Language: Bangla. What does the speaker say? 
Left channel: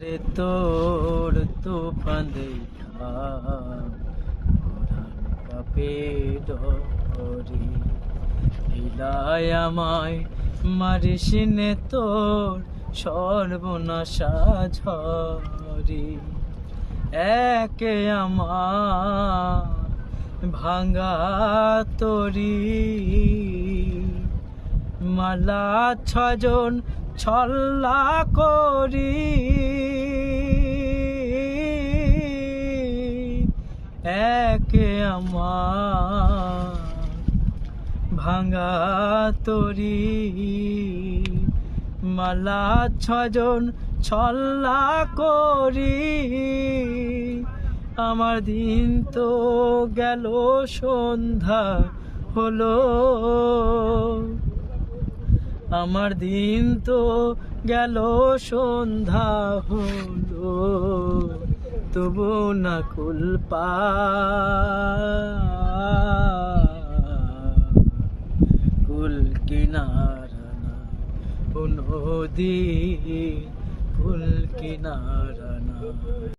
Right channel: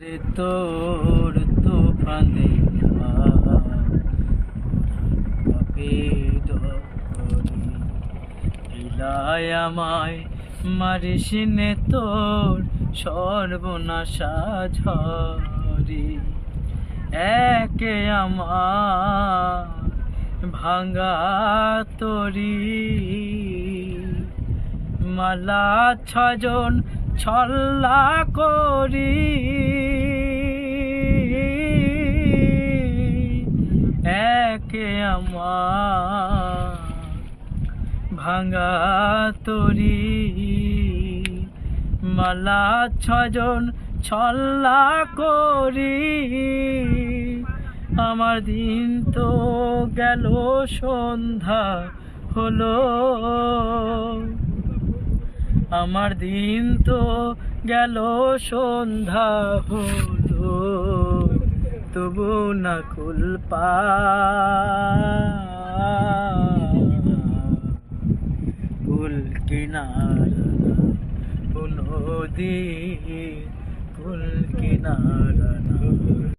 রে তোর তুফান দেখা কাপে ডরি ইলাই আমায় মারিস নে তোর সর্বনাশা ঝরি একে আমার ভাঙা তরি মালা ছজন ছল্লা করি একে আমার ভাঙা তরি মালা ছজন ছল্লা করি আমার দিন তো গেল সন্ধ্যা হলো আমার দিন তো গেল সন্ধ্যা হলো তবু না কুল কুল কিনারা নদী কুল কিনারা